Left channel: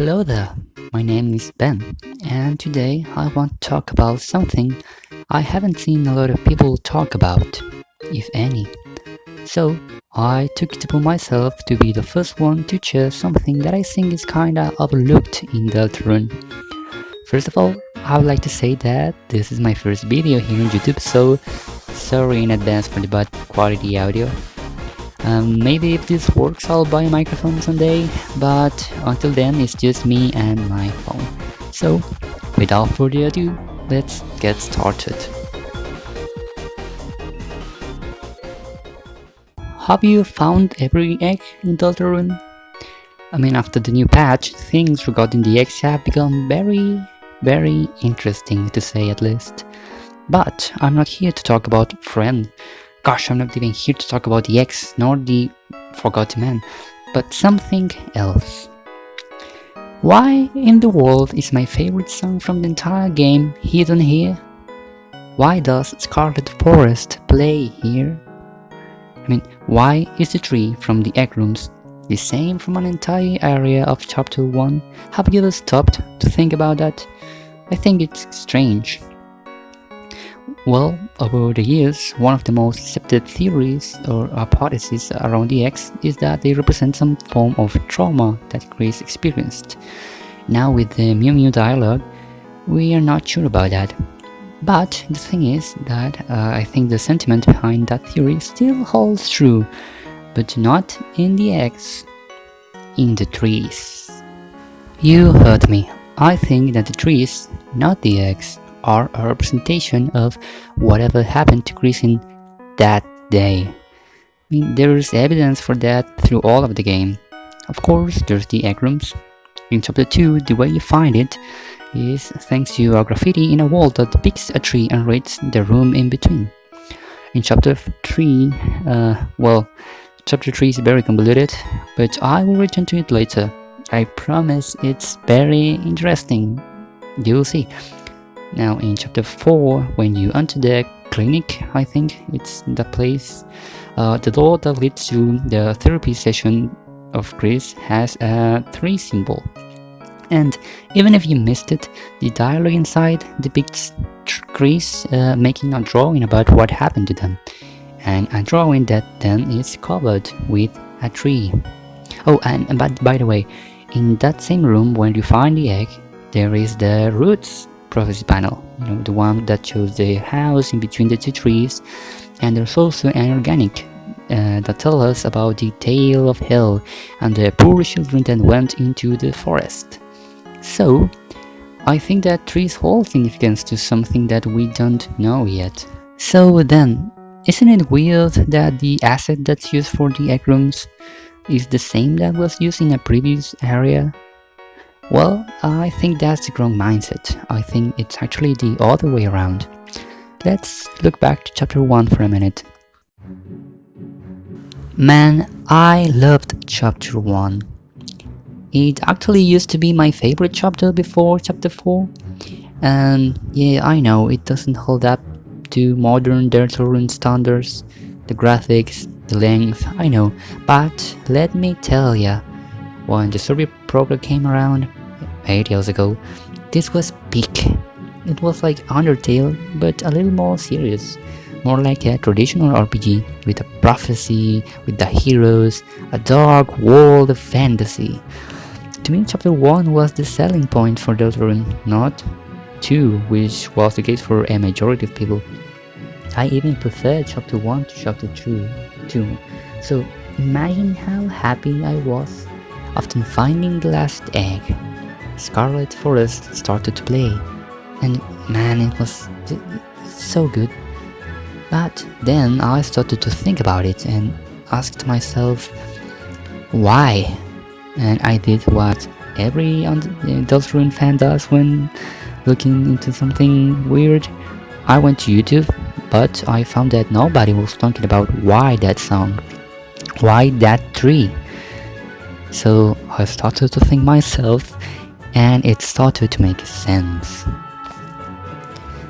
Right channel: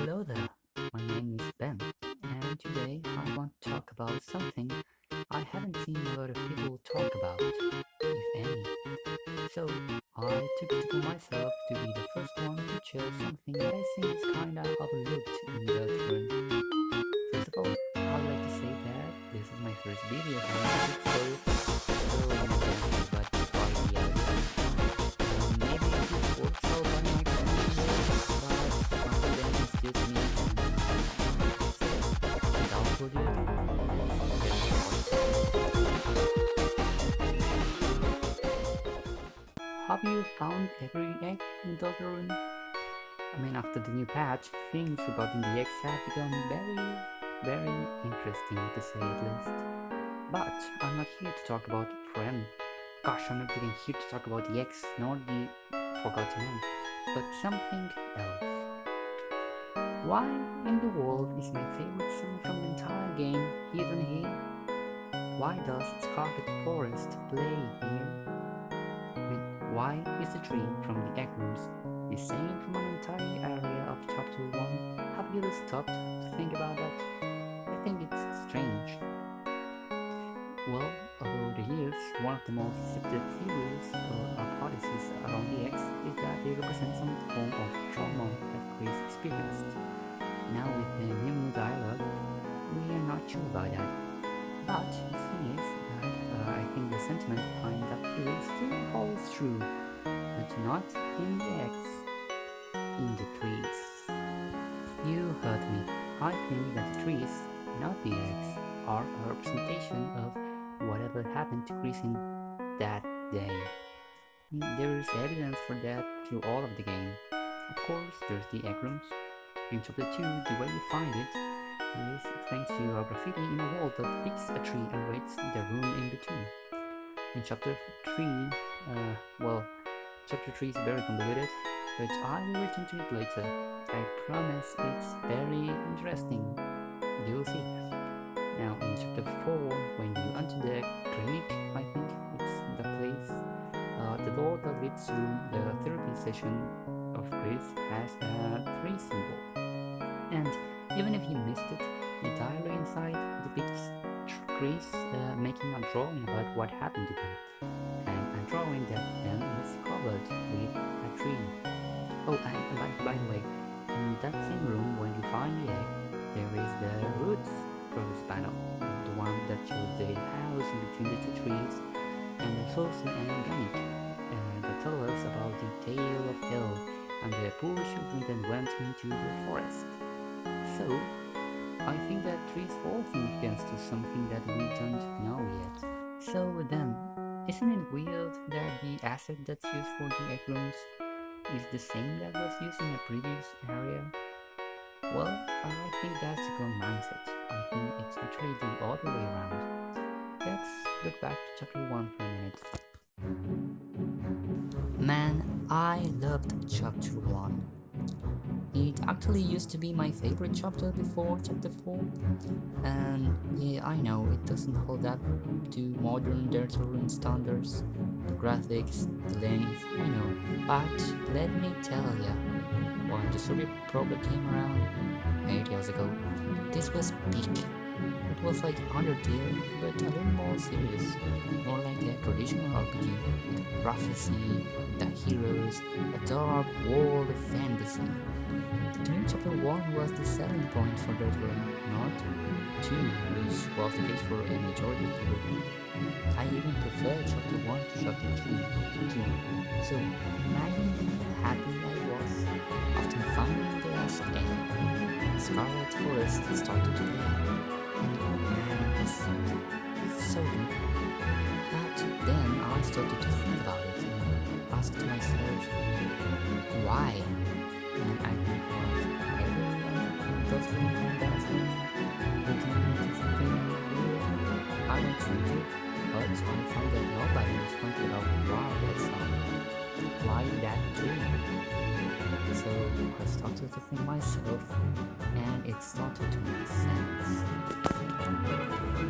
Hello there, my name is Ben, and today I want to talk about something I haven't seen a lot of people talk about, if any. So, I took it upon myself to be the first one to share something that I think is kinda overlooked in Deltarune. First of all, I would like to say that this is my first video here on YouTube, so sorry in advance for the bad quality audio. Maybe if this works I'll buy a microphone someday, but until then it's just me and my phone. So, without further ado, let's get started. Have you found every egg in Deltarune? After the new patch, things regarding the eggs have become very interesting to say at least. But I'm not here to talk about friend. Gosh, I'm not even here to talk about the X nor the Forgotten Man, but something else. Why in the world is my favorite song from the entire game hidden here? Why does Scarlet Forest play here? Why is the tree from the egg rooms the same from an entire area of Chapter 1? Have you ever stopped to think about that? I think it's strange. Well, over the years, one of the most accepted theories or hypotheses around the eggs is that they represent some form of trauma that Chris experienced. Now with the Mew Mew dialogue, we are not sure about that. But the thing is that I think the sentiment behind that theory still holds true, but not in the eggs, in the trees. You heard me. I think that the trees, not the eggs, are a representation of whatever happened to Chris in that day. There's evidence for that through all of the game. Of course, there's the egg rooms. In Chapter 2, the way you find it is thanks to a graffiti in a wall that depicts a tree and reads the room in between. In Chapter 3, Chapter 3 is very convoluted, but I will return to it later. I promise it's very interesting. You'll see. Now in Chapter 4, when you enter the clinic, I think it's the place, the door that leads to the therapy session of Chris has a 3 symbol. And even if you missed it, the dialogue inside depicts Chris making a drawing about what happened to them. And a drawing that then is covered with a tree. Oh, but by the way, in that same room where you find the egg, there is the roots prophecy panel, the one that shows the house in between the two trees, and there's also an organic that tells us about the tale of hell and the poor children that went into the forest. So, I think that trees hold significance to something that we don't know yet. So then, isn't it weird that the asset that's used for the egg rooms is the same that was used in a previous area? Well, I think that's the wrong mindset. I think it's actually the other way around. Let's look back to Chapter 1 for a minute. Man, I loved Chapter 1. It actually used to be my favorite chapter before Chapter 4. And yeah, I know it doesn't hold up to modern Deltarune standards. The graphics, the length, I know. But let me tell ya, when the survey program came around 8 years ago, this was peak. It was like Undertale, but a little more serious. More like a traditional RPG, with a prophecy, with the heroes, a dark world of fantasy. To me, Chapter 1 was the selling point for Deltarune, not 2, which was the case for a majority of people. I even preferred Chapter 1 to Chapter 2. So imagine how happy I was after finding the last egg. Scarlet Forest started to play, and man, it was so good. But then I started to think about it and asked myself, why? And I did what every Deltarune fan does when looking into something weird. I went to YouTube, but I found that nobody was talking about why that song, why that tree. So I started to think myself, and it started to make sense.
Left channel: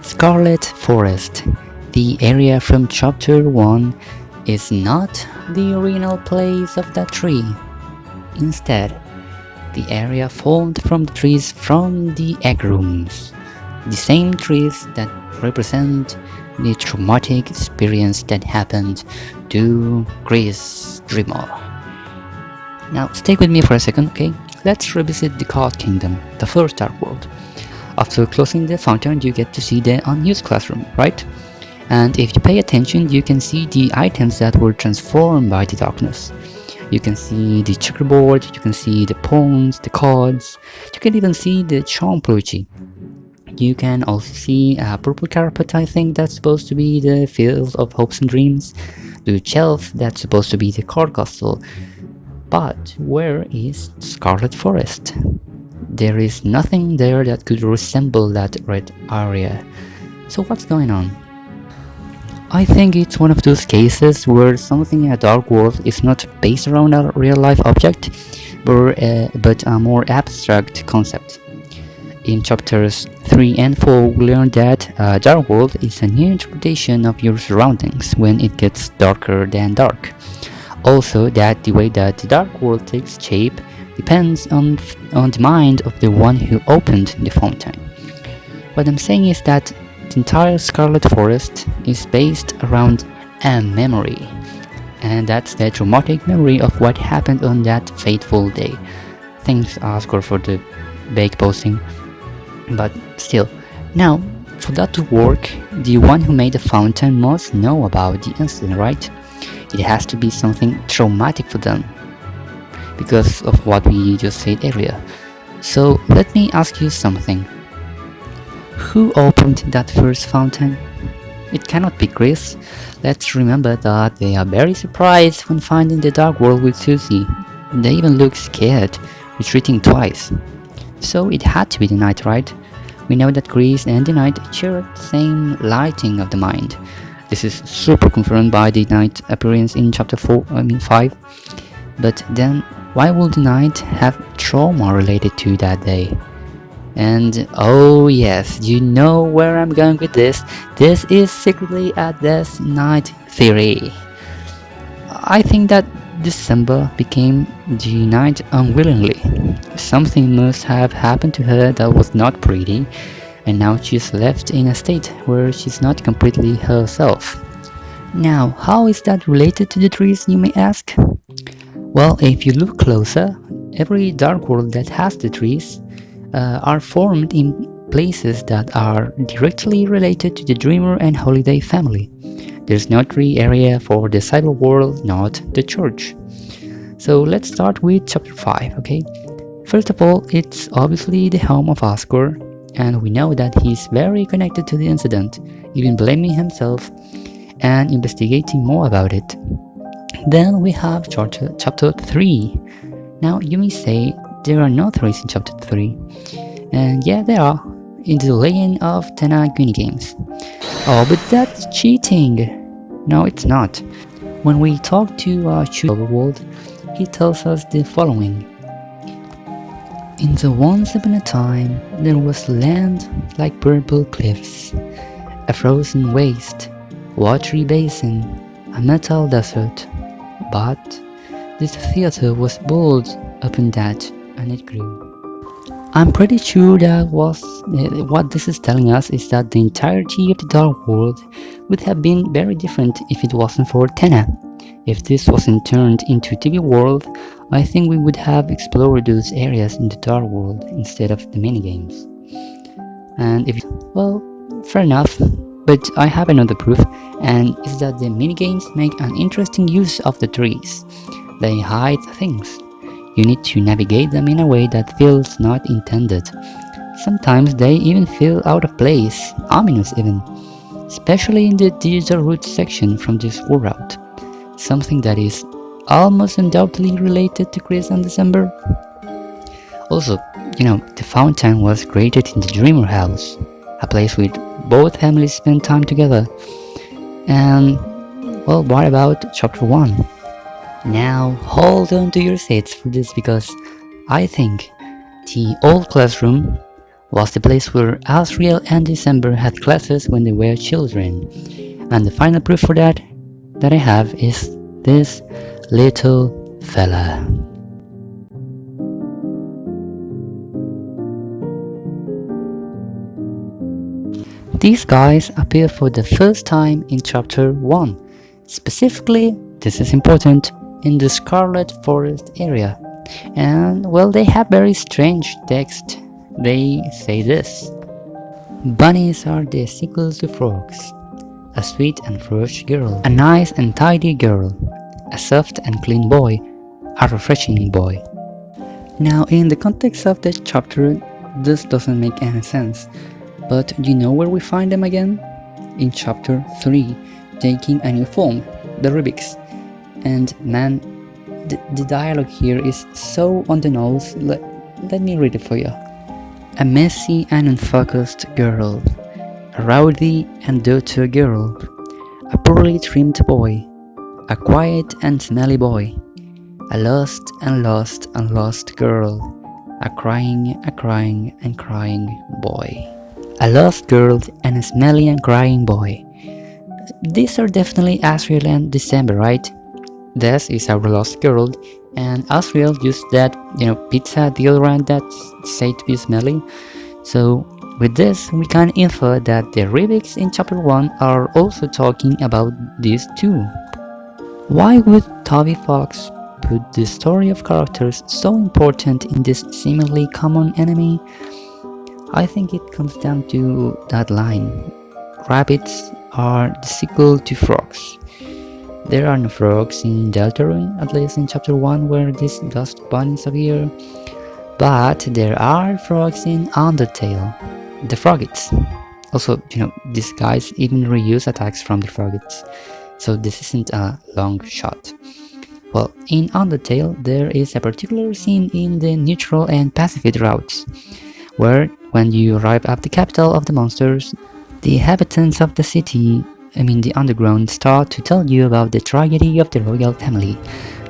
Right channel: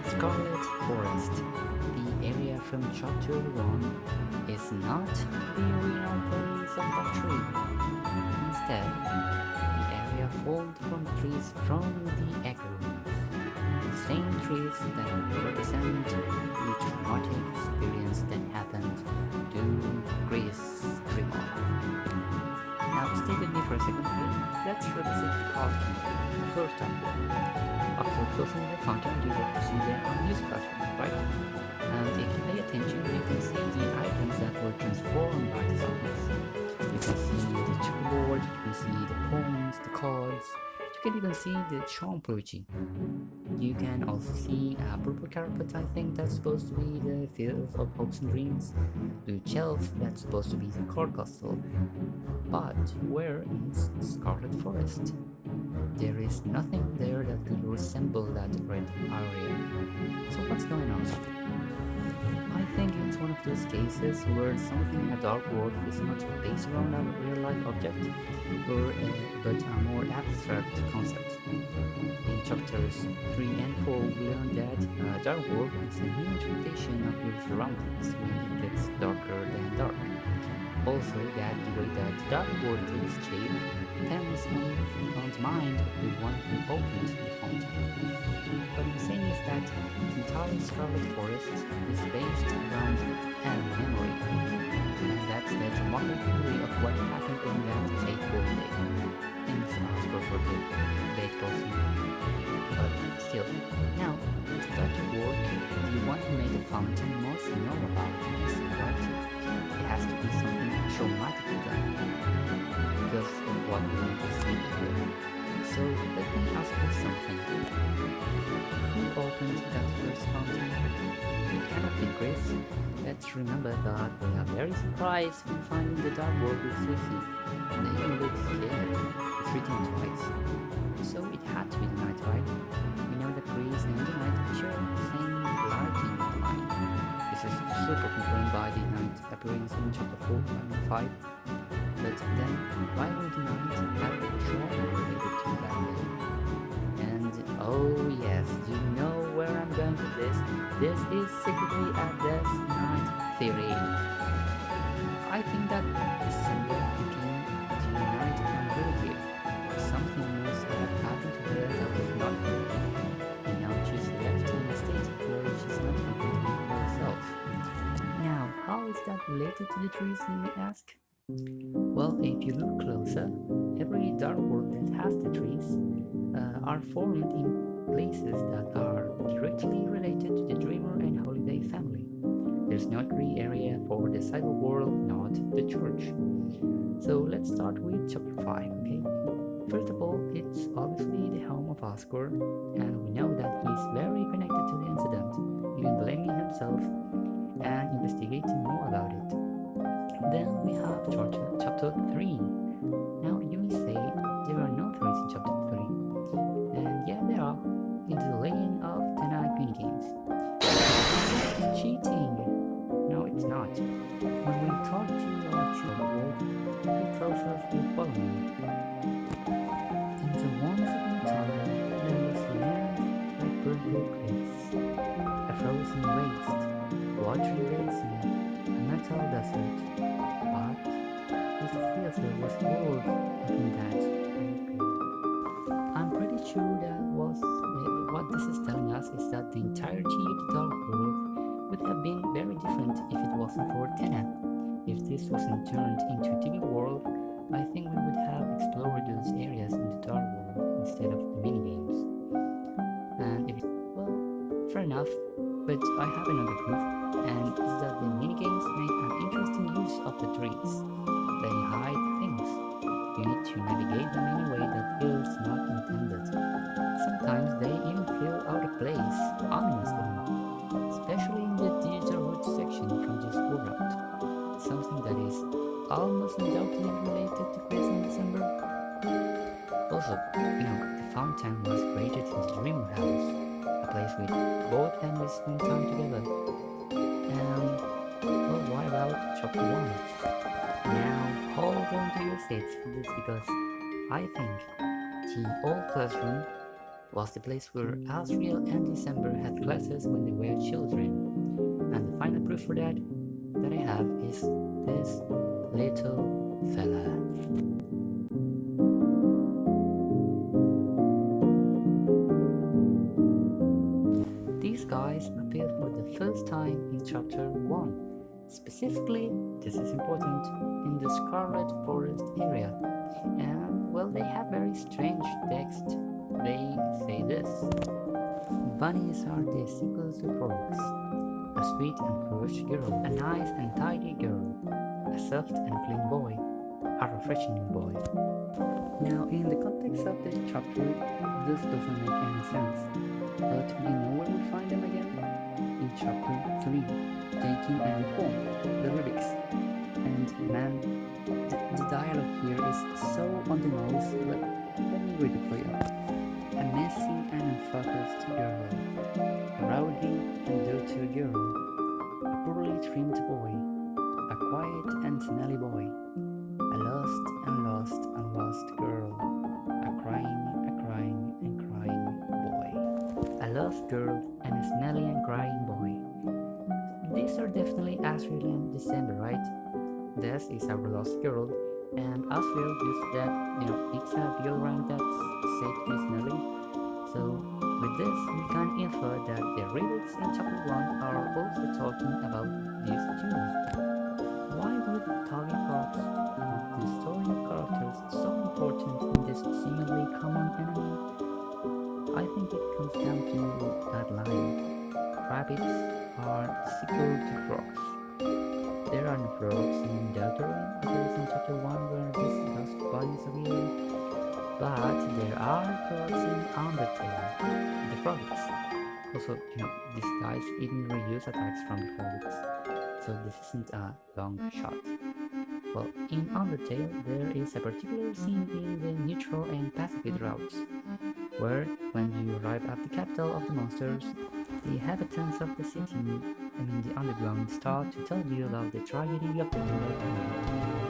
Scarlet Forest, the area from Chapter 1, is not the original place of that tree. Instead, the area formed from the trees from the egg rooms. The same trees that represent the traumatic experience that happened to Chris Dreamer. Now stay with me for a second, okay? Let's revisit the Card Kingdom, the first Dark World. After closing the fountain, you get to see the unused classroom, right? And if you pay attention, you can see the items that were transformed by the darkness. You can see the checkerboard, you can see the pawns, the cards, you can even see the charm plushie. You can also see a purple carpet, I think that's supposed to be the field of hopes and dreams, the shelf that's supposed to be the card castle. But where is Scarlet Forest? There is nothing there that could resemble that red area. So what's going on? I think it's one of those cases where something in a dark world is not based around a real-life object, but a more abstract concept. In chapters 3 and 4, we learn that a dark world is a new interpretation of your surroundings when it gets darker than dark. Also, that the way that the dark world takes shape depends on the mind of the one who opened the fountain. What I'm saying is that the entire Scarlet Forest is based around a memory, and that's the traumatic memory of what happened on that fateful day. Thanks, Oscar, for the bake posting. But still, now, for that to work, the one who made the fountain must know about the incident, right? It has to be something traumatic for them, because of what we just said earlier. So let me ask you something. Who opened that first fountain? It cannot be Chris. Let's remember that they are very surprised when finding the dark world with Susie. They even look scared, retreating twice. So it had to be the Knight, right? We know that Chris and the Knight share the same lighting of the mind. This is super confirmed by the Knight appearance in chapter 5. But then, why would the Knight have trauma related to that day? And oh yes, you know where I'm going with this. This is secretly a Death Knight theory. I think that December became the Knight unwillingly. Something must have happened to her that was not pretty, and now she's left in a state where she's not completely herself. Now, how is that related to the trees, you may ask? Well, if you look closer, every dark world that has the trees are formed in places that are directly related to the Dreamer and Holiday family. There's no tree area for the cyber world, not the church. So let's start with chapter 5, okay? First of all, it's obviously the home of Oscar, and we know that he's very connected to the incident, even blaming himself and investigating more about it. Then we have chapter 3. Now you may say there are no trees in chapter 3, and yeah, there are, in the Legend of Tena Games. Oh, but that's cheating! No, it's not. When we talk to Overworld, he tells us the following. In the once upon a time, there was land like purple cliffs, a frozen waste, watery basin, a metal desert. But this theater was built upon that, and it grew. I'm pretty sure that what this is telling us is that the entirety of the Dark World would have been very different if it wasn't for Tena. If this wasn't turned into TV World, I think we would have explored those areas in the Dark World instead of the minigames. And well, fair enough, but I have another proof, and is that the minigames make an interesting use of the trees. They hide things. You need to navigate them in a way that feels not intended. Sometimes they even feel out of place, ominous even, especially in the digital route section from this war route. Something that is almost undoubtedly related to Chris and December. Also, the fountain was created in the Dreamer house, a place where both families spend time together. And, well, what about chapter 1? Now, hold on to your seats for this, because I think the old classroom was the place where Asriel and December had classes when they were children. And the final proof for that I have is this little fella. These guys appear for the first time in chapter 1. Specifically, this is important, in the Scarlet Forest area. And well, they have very strange text. They say this: bunnies are the sequel to frogs. A sweet and fresh girl, a nice and tidy girl, a soft and clean boy, a refreshing boy. Now, in the context of the chapter, this doesn't make any sense, but you know where we find them again? In chapter 3, taking a new form, the Rubiks. And man, the dialogue here is so on the nose. Let me read it for you. A messy and unfocused girl, a rowdy and dirty girl, a poorly trimmed boy, a quiet and smelly boy, a lost and lost and lost girl, a crying and crying boy. A lost girl and a smelly and crying boy. These are definitely Asriel and December, right? This is our lost girl, and Asriel used that, pizza deodorant that's said to be smelly. So with this, we can infer that the Rubiks in chapter 1 are also talking about these too. Why would Toby Fox put the story of characters so important in this seemingly common enemy? I think it comes down to that line. Rabbits are the sequel to frogs. There are no frogs in Deltarune, at least in chapter 1 where these dust bunnies appear. But there are frogs in Undertale, the Froggits. Also, these guys even reuse attacks from the Froggits, so this isn't a long shot. Well, in Undertale, there is a particular scene in the neutral and pacifist routes, where when you arrive at the capital of the monsters, the inhabitants of the city, the underground, start to tell you about the tragedy of the royal family,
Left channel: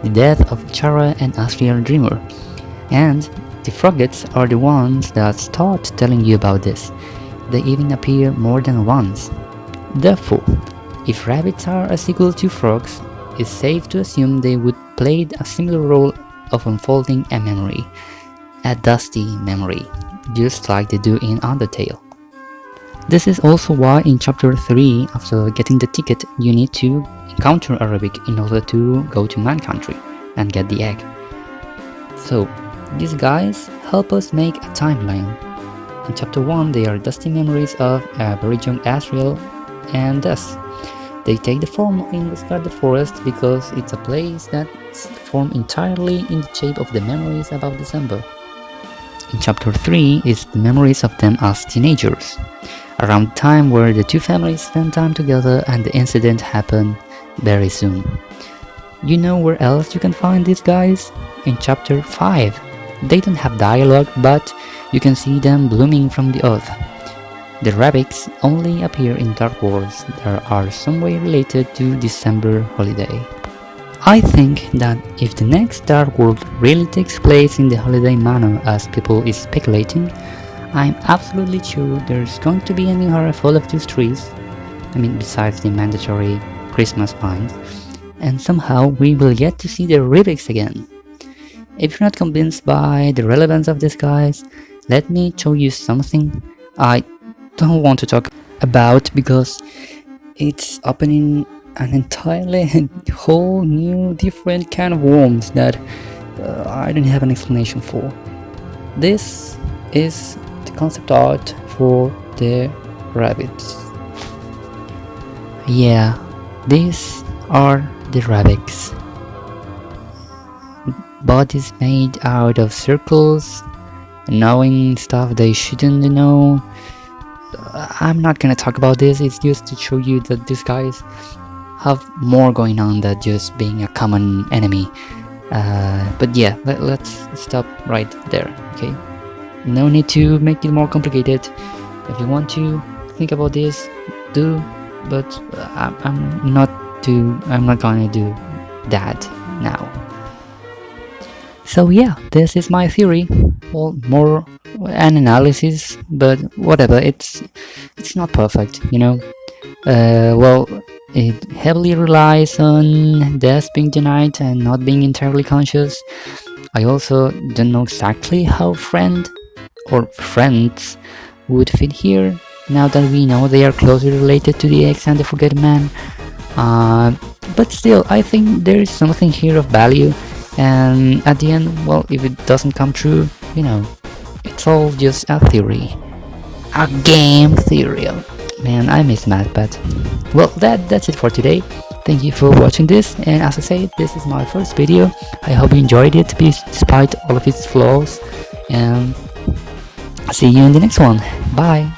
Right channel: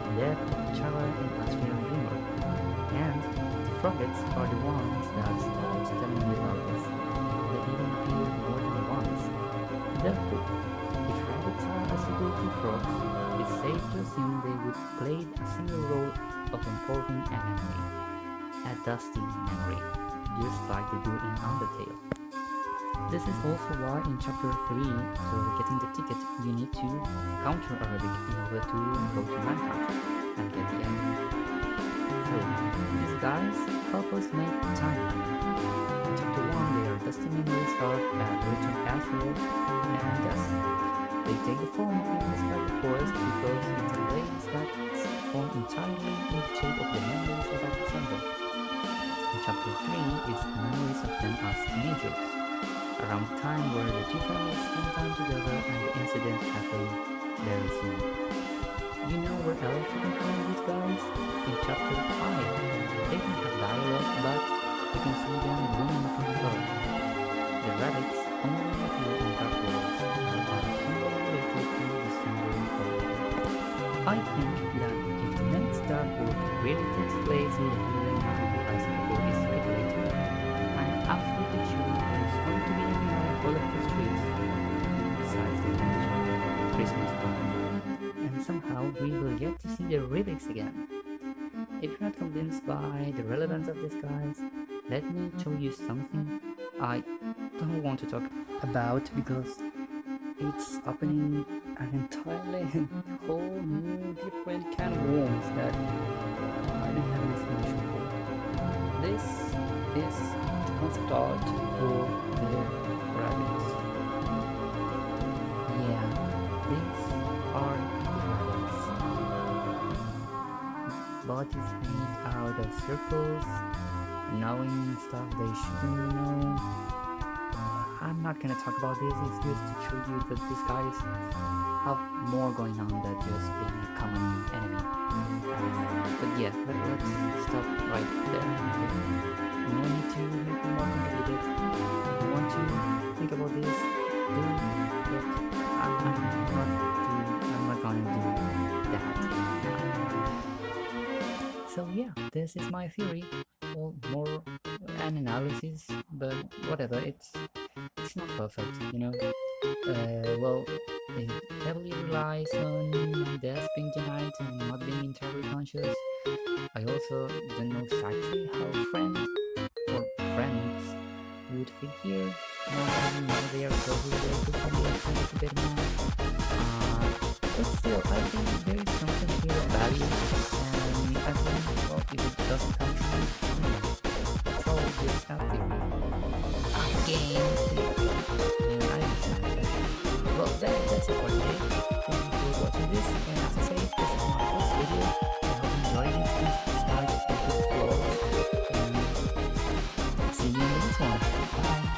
the death of Chara and Asriel Dreamer, and the Froggits are the ones that start telling you about this. They even appear more than once. Therefore, if rabbits are a sequel to frogs, it's safe to assume they would play a similar role of unfolding a memory, a dusty memory, just like they do in Undertale. This is also why in chapter 3, after getting the ticket, you need to encounter a Rubik in order to go to Man Country and get the egg. So, these guys help us make a timeline. In chapter 1, they are dusty memories of a very young Asriel and thus they take the form in the Scarlet Forest because it's a place that's formed entirely in the shape of the memories about December. In chapter 3 is the memories of them as teenagers, around the time where the two families spend time together and the incident happened very soon. You know where else you can find these guys? In chapter 5. They don't have dialogue, but you can see them blooming from the earth. The Rubiks only appear in Dark Wars that are some way related to December holiday. I think that if the next Dark World really takes place in the holiday manner as people is speculating, I'm absolutely sure there's going to be a new area full of these trees, besides the mandatory Christmas pines, and somehow we will get to see the Rubiks again. If you're not convinced by the relevance of these guys, let me show you something I don't want to talk about because it's opening an entirely whole new different kind of worms that I don't have an explanation for. This is the concept art for the rabbits. Yeah, these are the rabbits. Bodies made out of circles, knowing stuff they shouldn't know. I'm not gonna talk about this, it's just to show you that these guys have more going on than just being a common enemy. But yeah, let's stop right there, okay? No need to make it more complicated. If you want to think about this, do, but I'm not gonna do that now. So yeah, this is my theory. Well, more an analysis, but whatever. It's not perfect, Well, it heavily relies on death being denied and not being entirely conscious. I also don't know exactly how friend or friends would fit here. now that we know they are closely related to the X and the Forgotten Man. But still, I think there is something here of value, and at the end, well, if it doesn't come true, you know, it's all just a theory. A game theory. Man, I miss math, but well, that's it for today. Thank you for watching this, and as I said, this is my first video. I hope you enjoyed it despite all of its flaws, and see you in the next one. Bye!